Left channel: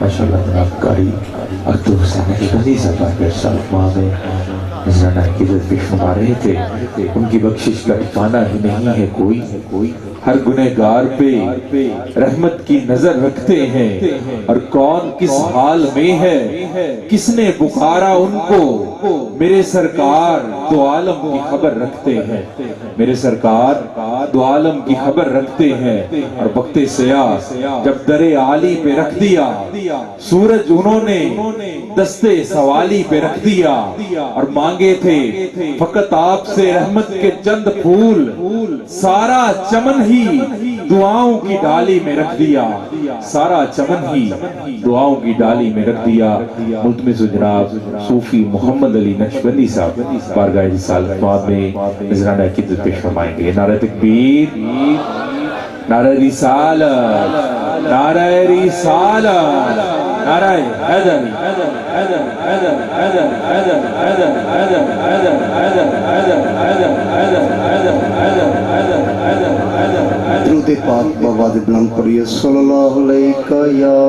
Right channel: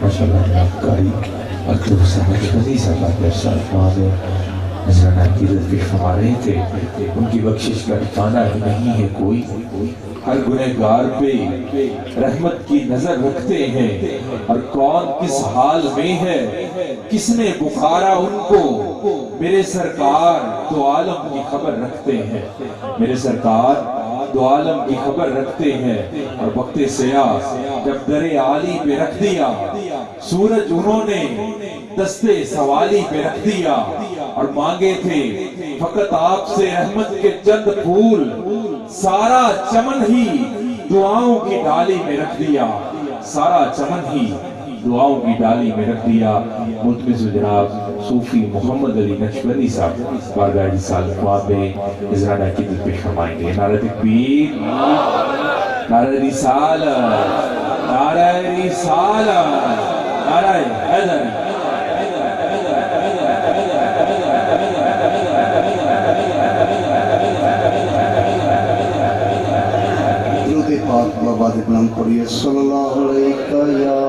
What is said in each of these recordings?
ماشاءاللہ جناب قاری عبد الحسین غنی صاحب کے شرفاں میں نذرانہ عقیدت پیش فرما رہے تھے. ان کی بخشش کا ٹھکانہ ہی نہیں ہے کوئی. ہر گنہگار پہ رحمت کی نظر رکھتے ہیں اور کون کس حال میں ہے کس نے پکارا ان کو. میرے سرکار دو عالم کی خبر رکھتے ہیں. میرے سرکار دو عالم کی خبر رکھتے ہیں. اور وقت سیاہ جب در عالی پہ رکھ دیا سورج انہوں نے دستے سوالی پہ رکھ دیا. اور مانگے تھے فقط آپ سے رحمت کے چند پھول سارا چمن ہی دعاؤں کی ڈالی میں رکھ دیا. سارا چمن ہی دعاؤں کی ڈالی میں رکھ دیا. ملتمس جناب صوفی محمد علی نقشبندی صاحب بارگاہ رسالت مآب میں نذرانہ عقیدت پیش فرمائیں گے. نعرہ تکبیر، نعرہ رسالت، نعرہ رسالت، نعرہ حیدر. درود پاک بابا بلند پڑھیے صلی اللہ علیہ یا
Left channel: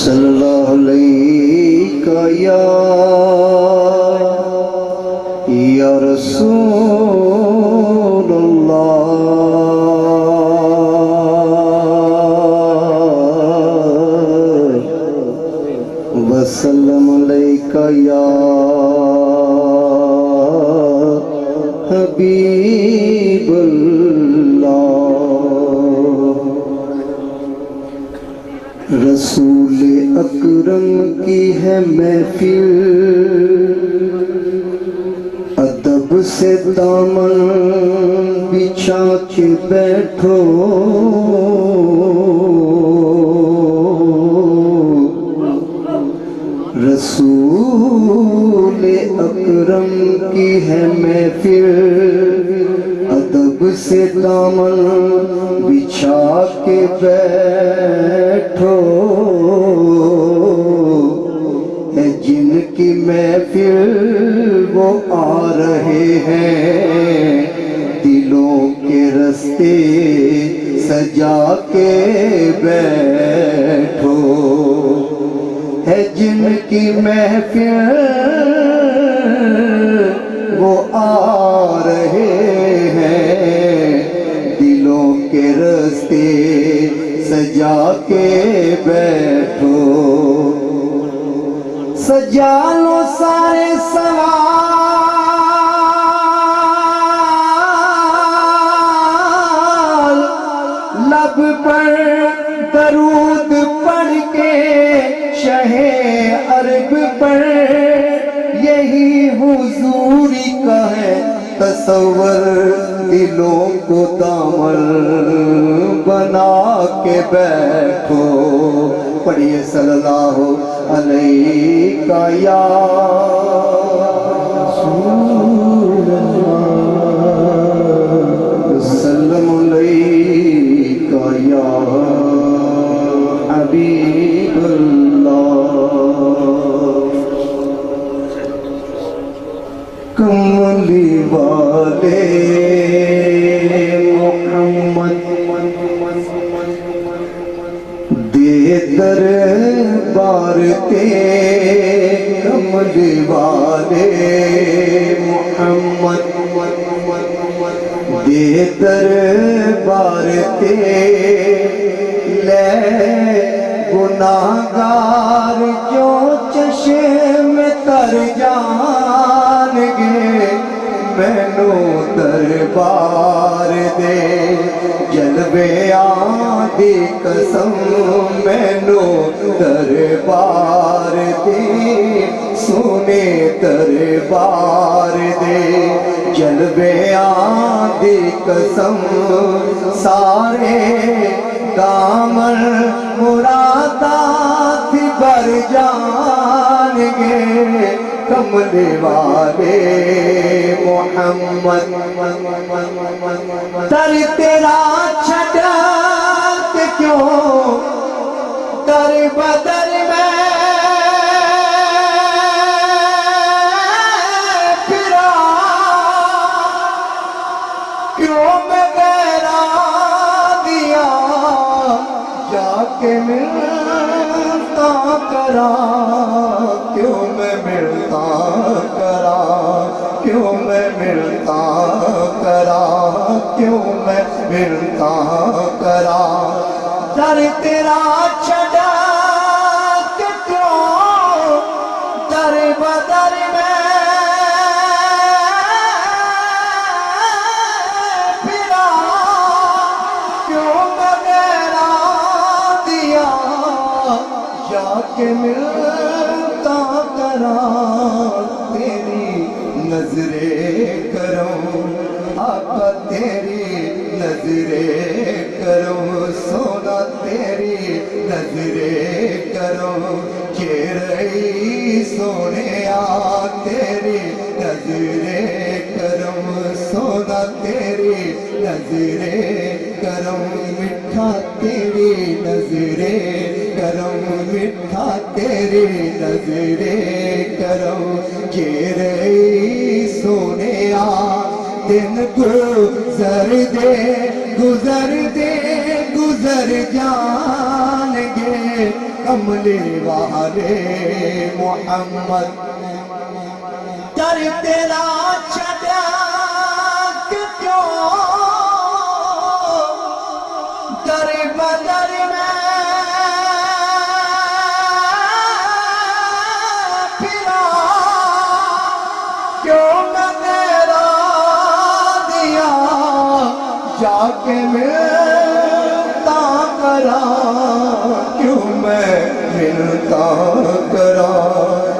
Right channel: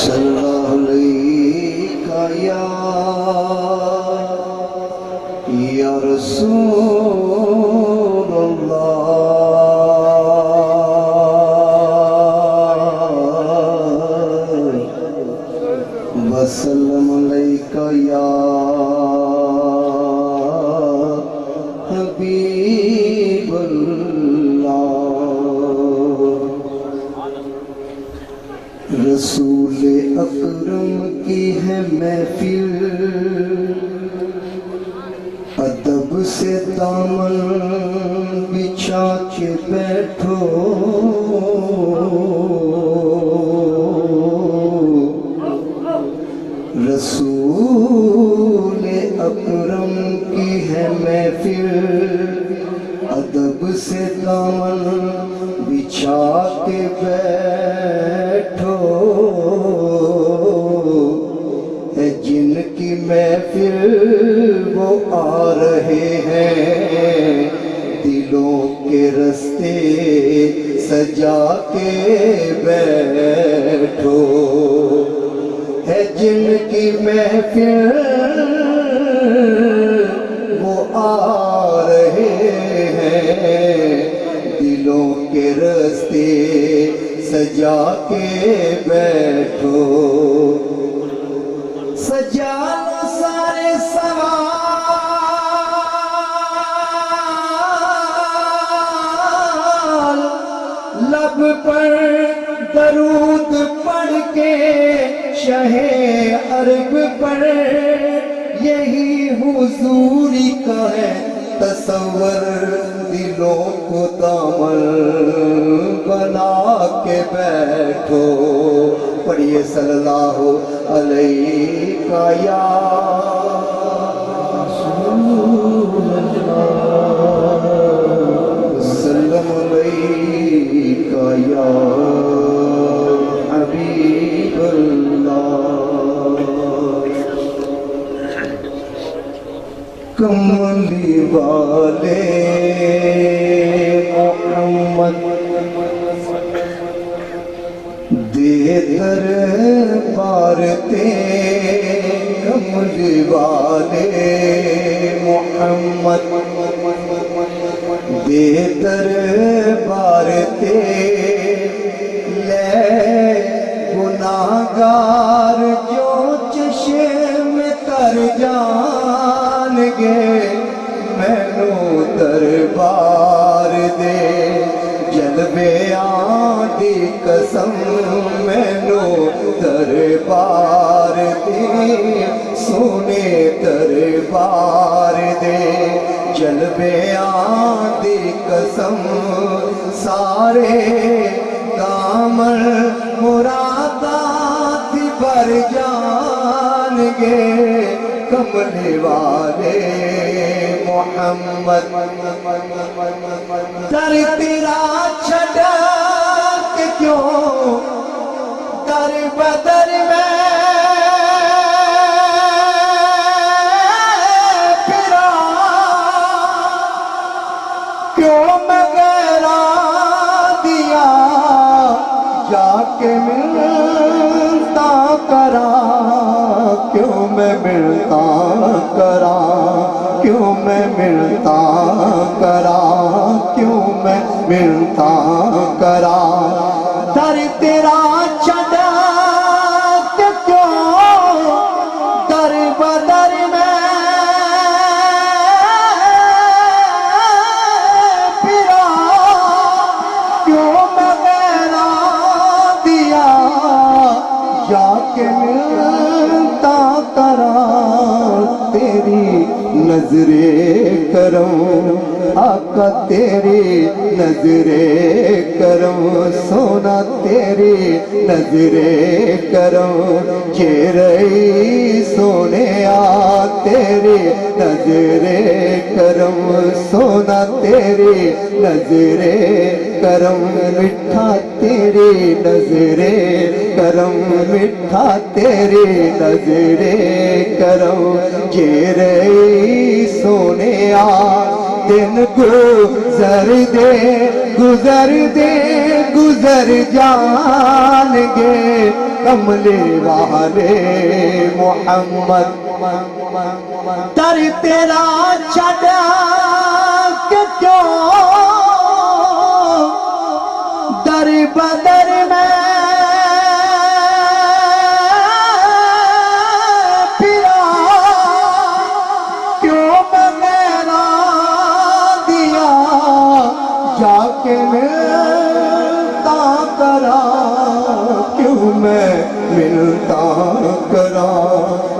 صلی اللہ علیہ یا رسول اللہ وسلم علیکہ یا حبیب اللہ. رسول اکرم کی ہے محفل ادب سے دامن بچھا کے بیٹھو. رسول اکرم کی ہے محفل ادب سے دامن بچھا کے بیٹھو. ہے جن کی محفل وہ آ رہے ہیں دلوں کے رستے سجا کے بیٹھو. ہے جن کی محفل وہ آ رہے ہیں دلوں کے رستے سجا کے بیٹھو. سجا لو سارے سوال لب پر درود پڑھ کے شہ عرب پر. یہی حضوری کا ہے تصور دلوں کو دامن بنا کے بیٹھو. پڑھیے صلی اللہ علیہ یا رسول اللہ وسلم علیہ یا حبیب اللہ. کملی والے محمد دے دربار تے. کملی والے محمد دے دربار تے. لے گناہگار جو چشم تر جان گے مینوں دربار دے. جلوے آدھی قسم مینوں دربار دے. سونے دربار دے جلوے آدھی قسم. سارے دامن مرادات بھر جان گے. کملے والے محمد در تیرا چھڑا کہ کیوں در بدر میں پھرا. کے ملتا کرا کیوں میں ملتا کرا کیوں میں ملتا کرا کیوں میں ملتا کرا در تیرا چڑھا کہ کیوں در بدر میں پھرا کیوں میں میرا دیا جا کے ملتا کرا تیری نظر کرم آقا تیری نظر کرم سونا تیری نظر کرم چہرے سونے آ تیری نظر کرم سونا تیری نظر کرم مٹھا تیری نظر کرم مٹھا تیری نظر کرم چہرے سونے آ دن گزر دے گزر دے گزر جان گے کملے والے محمد در تیرا چھڑا کہ کیوں در بدر میں پھرا کیوں میں میرا دیا جا کے ملتا کرا کیوں میں ملتا کرا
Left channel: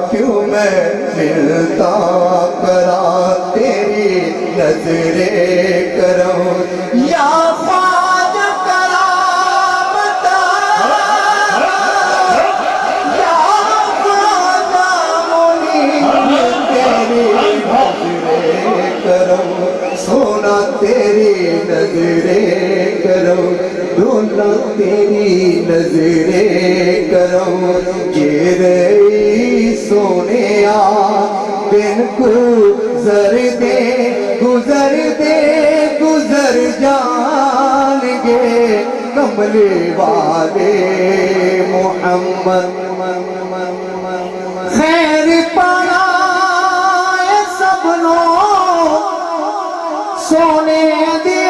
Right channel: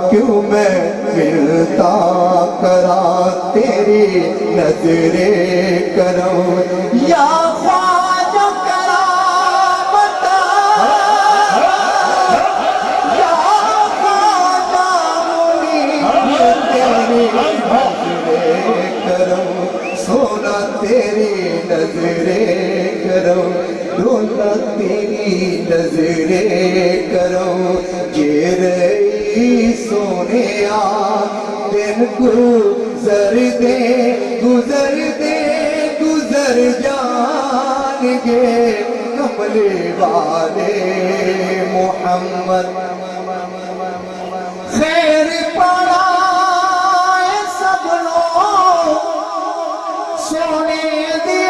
کیوں میں ملتا کرا تیری نظر کرم یا خواجہ کرامت یا خواجہ منیر تیری نظر کرم سونا تیری نظر کرم رونا تیری نظر کرم چہرے سونے آ دن گزر دے گزر دے گزر جان گے کملے والے محمد خیر پڑائے سب لوگ سونے دیے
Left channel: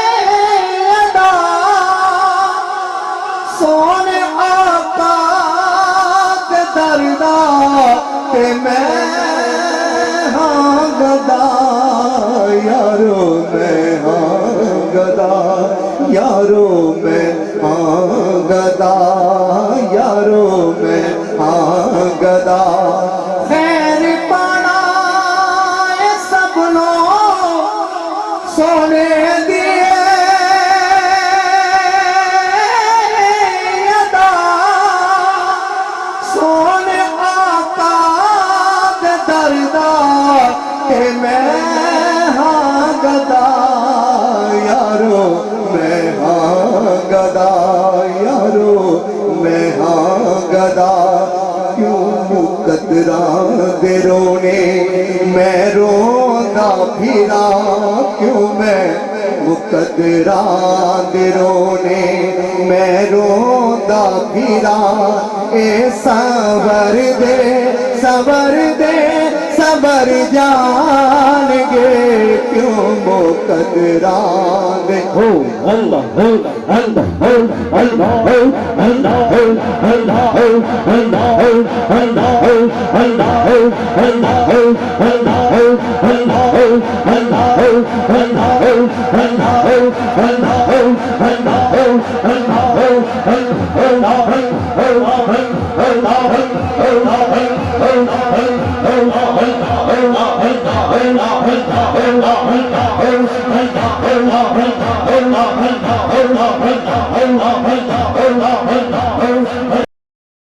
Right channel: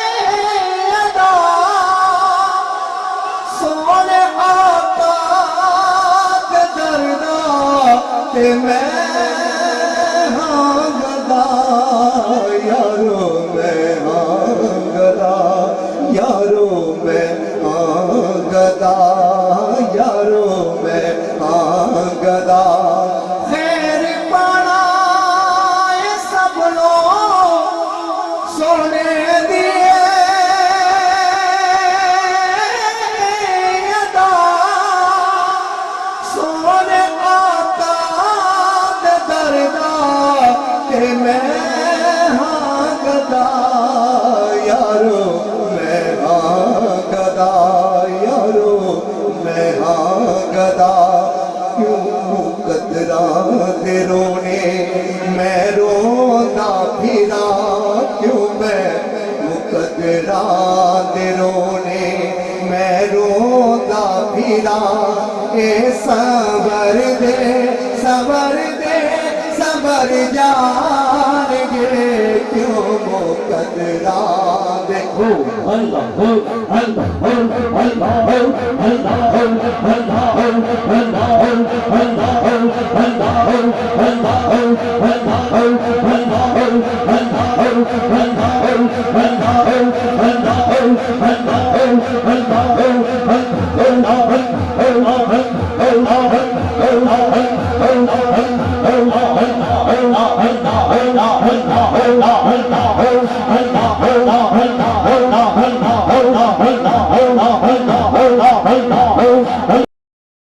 ادا سونے آقا کے دردا کہ میں ہاں گدا یارو میں ہاں گدا یارو میں ہاں گدا یارو میں ہاں گدا خیر پڑائے سب لوگ سونے دیے ادا سونے آقا دے دردا کہ میں ہاں گدا یارو میں ہاں گدا یارو میں ہاں گدا کیوں مقدران دے رونے میں رونا پھرا کیوں میں مقدران دے رونے میں رونا پھرا اے صبر دے صبر دے صبر جان گے کیوں مقدران دے اللہ